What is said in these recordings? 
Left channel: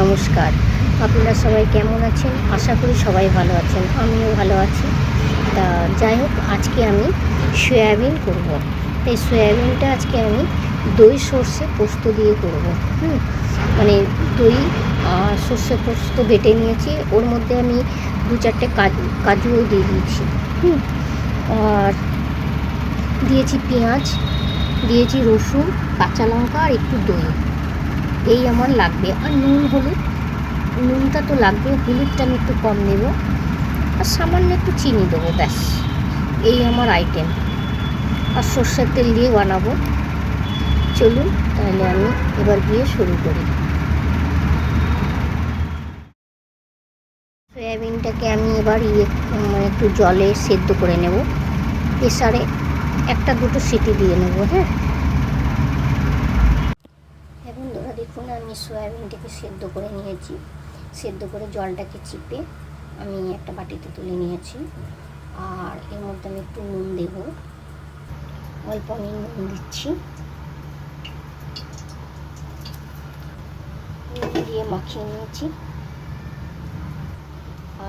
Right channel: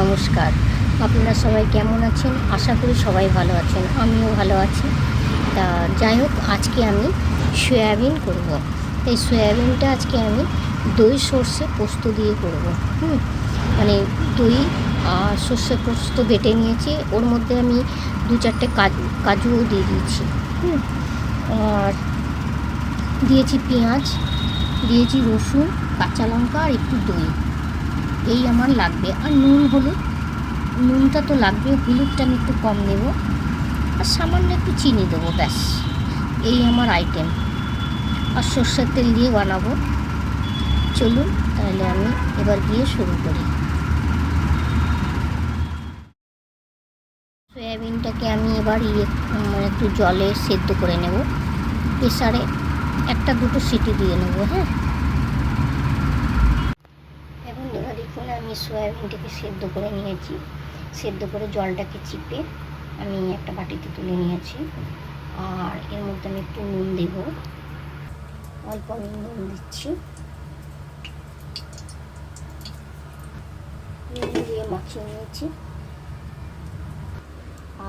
নমস্কার। আপনারা সবাই কেমন আছেন? আশা করি সবাই ভালো আছেন, আমিও ভালো আছি। তা যাই হোক, আজকে আমি সয়াবিন করব। এই সয়াবিনটা আজকে আমি দই সর্ষে পোস্ত দিয়ে করব। মানে দই আর সর্ষে পোস্ত বেটে নিয়েছি, ওর মধ্যে আমি 2-4টে কাজুও দিয়ে দিয়েছি। আর দিয়েছি পেঁয়াজ, দিয়েছি রসুন, কাঁচা লঙ্কা আর একটু দই। এই আমার লাগবে। আর নুন হলুদ, নুনটা তো লাগবে, হলুদটা আমি একটু কম দেব, আর সামান্য একটু চিনি দেবো, ব্যাস। এই আমার আইটেম। আর সর্ষের তেল দিয়ে বানাবো। চলুন তাহলে আমি এবার গিয়ে শুরু করি। সয়াবিনটাকে আমি এবার একটু জলে সেদ্ধ করে নেব, প্রেসারে 1-2 সিটি দিয়ে নেব। বন্ধুরা দেখুন, আমি সয়াবিনটাকে সেদ্ধ করে নিয়েছি। সেদ্ধ করে জলটাকে চিপে আমি একটা বাটিতে তুলে নিয়েছি। আর এর মধ্যে আমি একটু নুন দেব, অল্প আমি নুন দিচ্ছি। নুন দিয়ে মাখিয়ে নিয়েছি।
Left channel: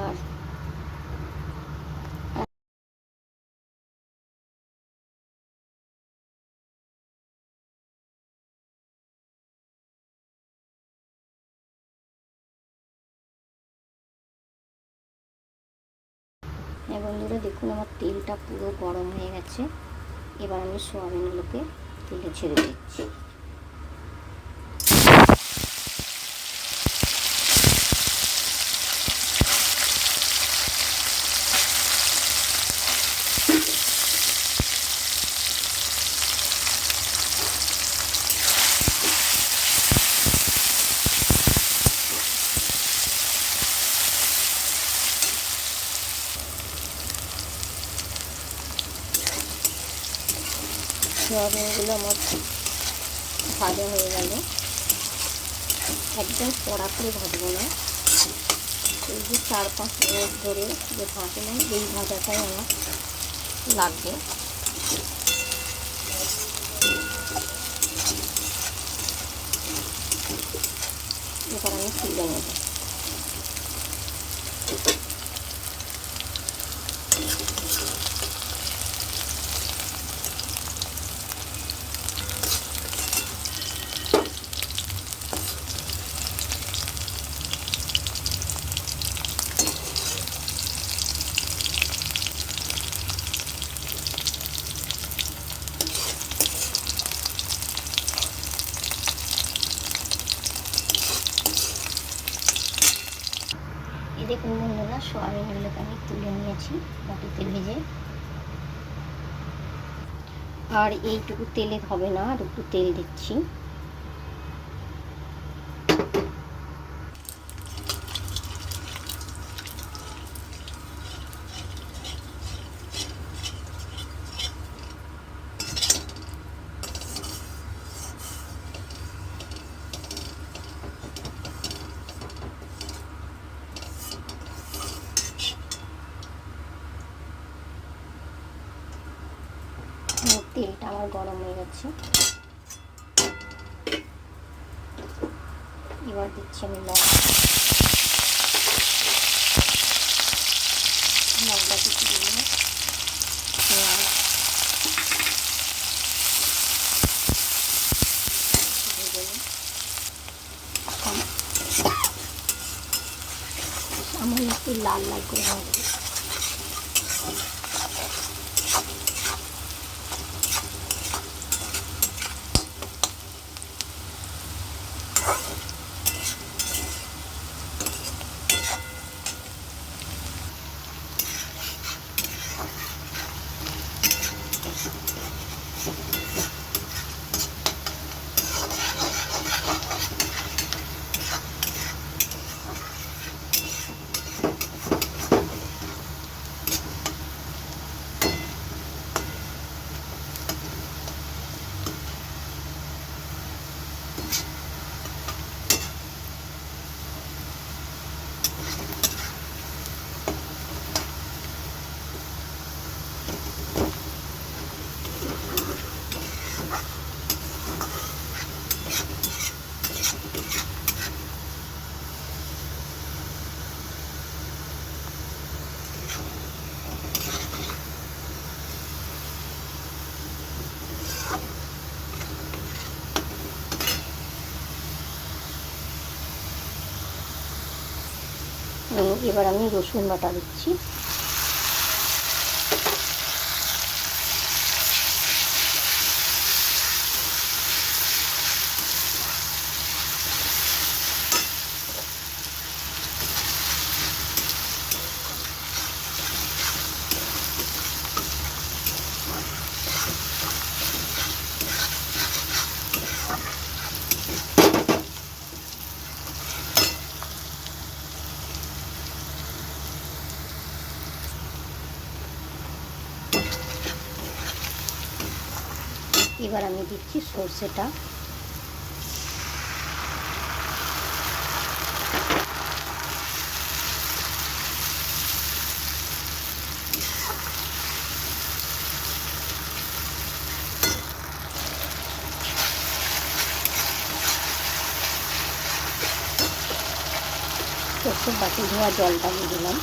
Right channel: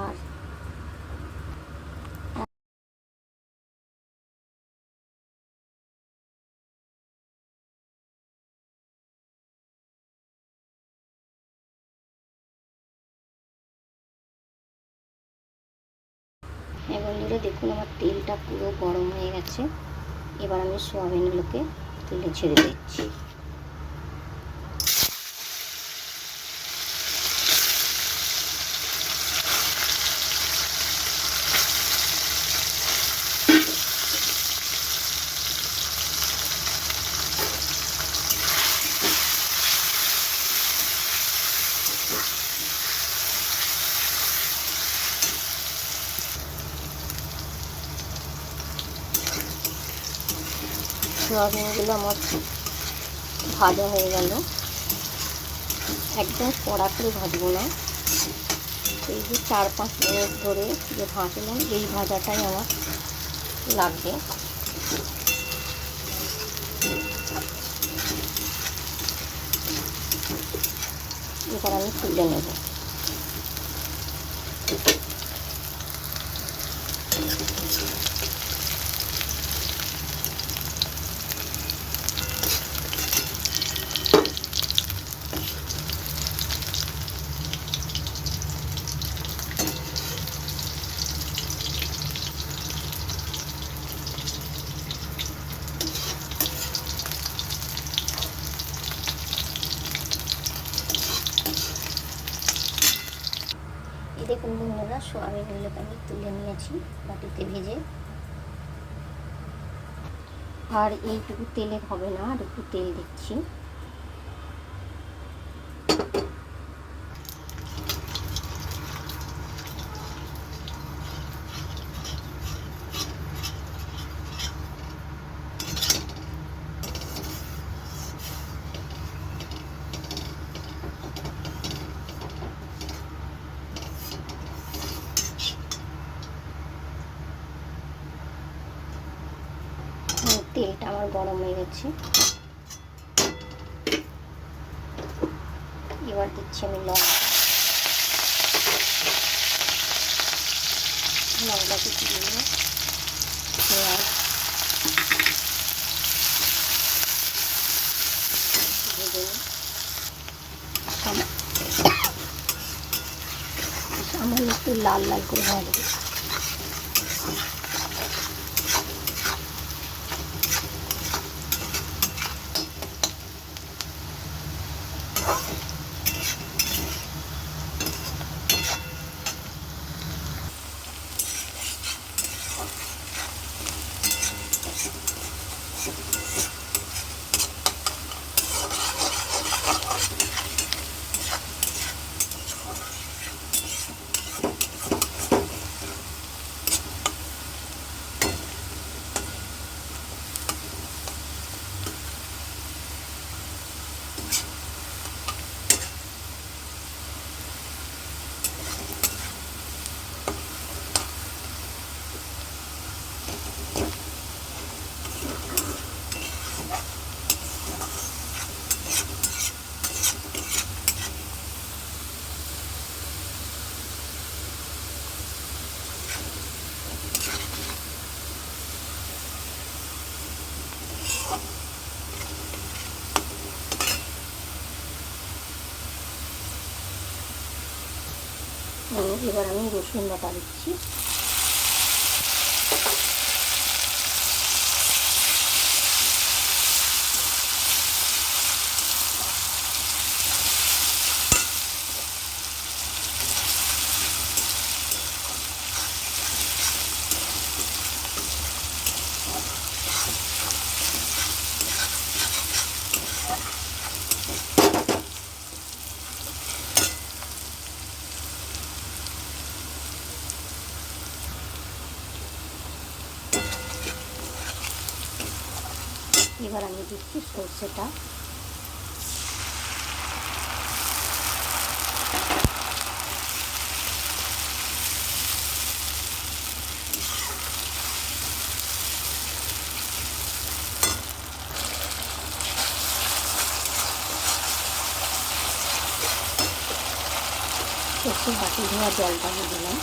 আর বন্ধুরা দেখুন, আমার তেলটা পুরো গরম হয়ে গেছে। এবার আমি সয়াবিনগুলোকে তেলে ছেড়ে দিচ্ছি। সয়াবিনগুলো আমার ভাজা হয়ে গেল। একদম কড়া করে ভাজবো না, এই যে 4-5 মিনিট ধরে যে ভাজলাম, এই ভাজাটাই আমার লাগবে। এবার আমি তুলে নেব। এই দেখুন বন্ধুরা, সয়াবিনগুলোকে আমি তুলে নিয়েছি বাটিতে ভেজে। আর এইটুকু তেলে হবে না, আর একটু তেল দিচ্ছি। তেলটা আমার গরম হয়ে গেছে। এবার দিচ্ছি আমি লঙ্কা কুচি দিয়ে, পেঁয়াজ ভেজে নিই। সামান্য একটু লাল লাল করে ভাজবো। এবার আমি রসুন বাটা দিচ্ছি। এবার আমি দিচ্ছি সরষেটা। সরষের বাটি ধোয়া জলটা দিয়ে দিলাম।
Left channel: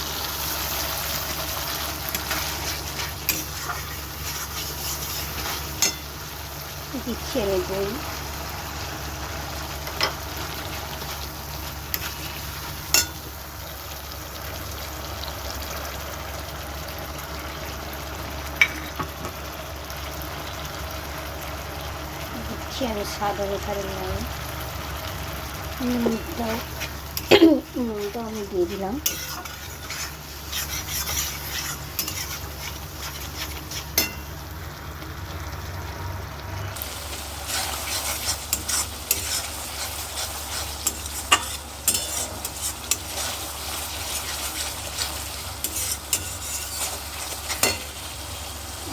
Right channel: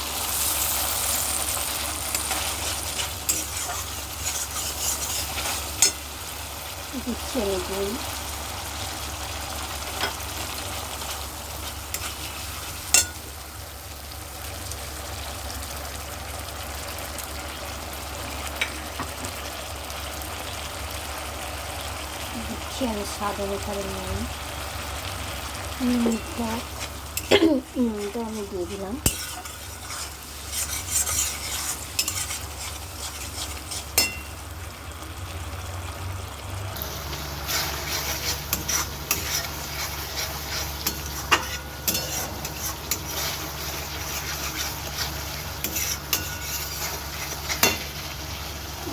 দিচ্ছি আমি দই। দিচ্ছি আমি স্বাদ অনুসারে নুনটাও আমি দিয়ে দিলাম।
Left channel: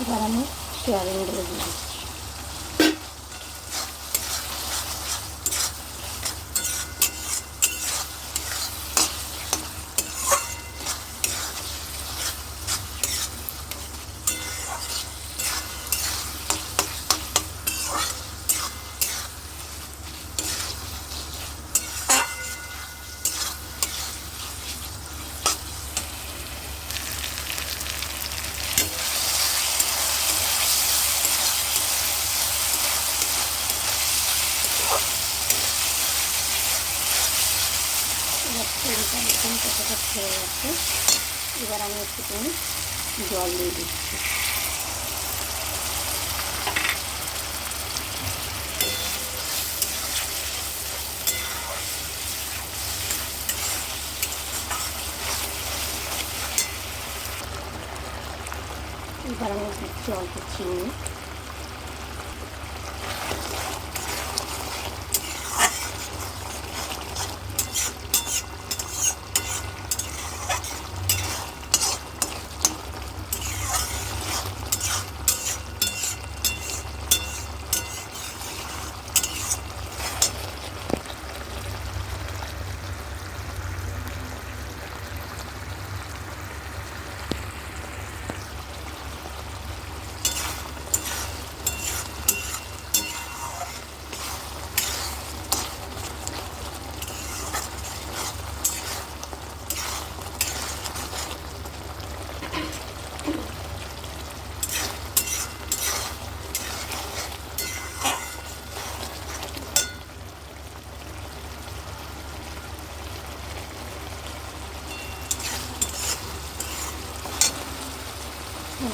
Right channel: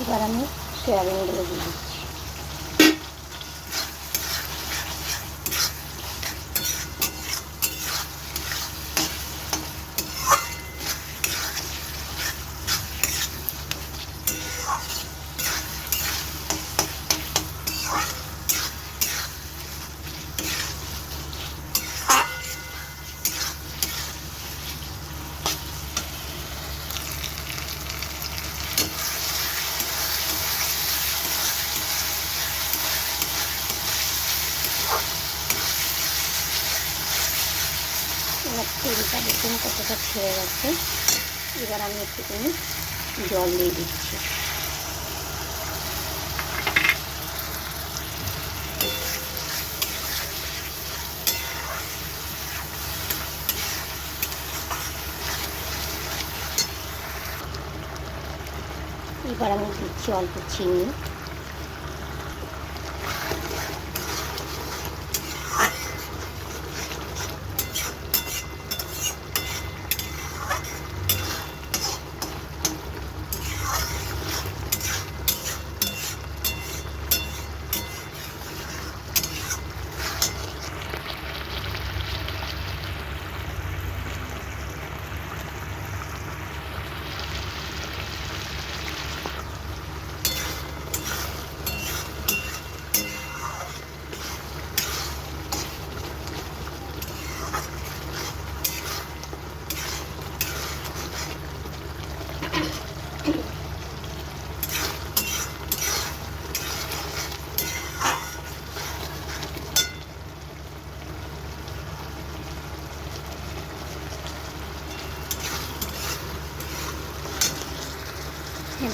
এবার আমি সয়াবিনগুলো দিয়ে দিচ্ছি। এবার তৈরিটা দেখুন কতটা ছেড়ে গেছে। এবার আমি একটুখানি জল দিয়ে দিচ্ছি। এবার আমি দিচ্ছি অল্প চিনি।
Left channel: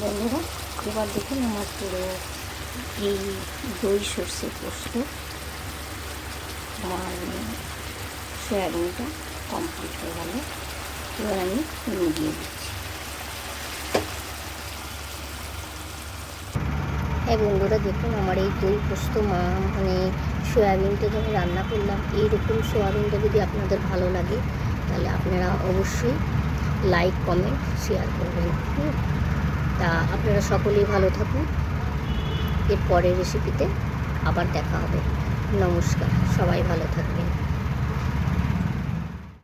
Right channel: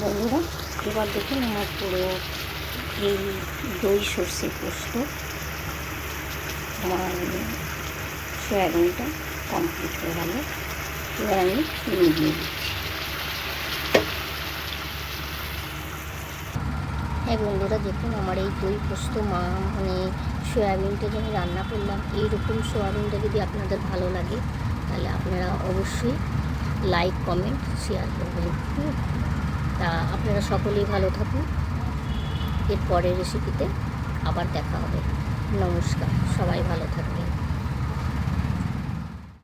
বন্ধুরা, এবার দেখুন আমার পুরো এই দই সর্ষে পোস্ত আমার সয়াবিনটা কমপ্লিট হয়ে গেল। এবার আমি চিনি দিয়ে দিচ্ছি। হ্যাঁ বন্ধুরা, দেখুন আমার এই দই পোস্ত মানে সয়াবিনটা যখন রান্না করলাম, এইরকম সয়াবিনটা যদি আপনাদের ভালো লাগে তাহলে আপনারা অবশ্যই লাইক কমেন্ট শেয়ার করবেন। তা আপনারা সকলেই ভালো থাকুন। এর পরের রেসিপিতে আবার দেখা হবে। নমস্কার, সবাই ভালো থাকবেন।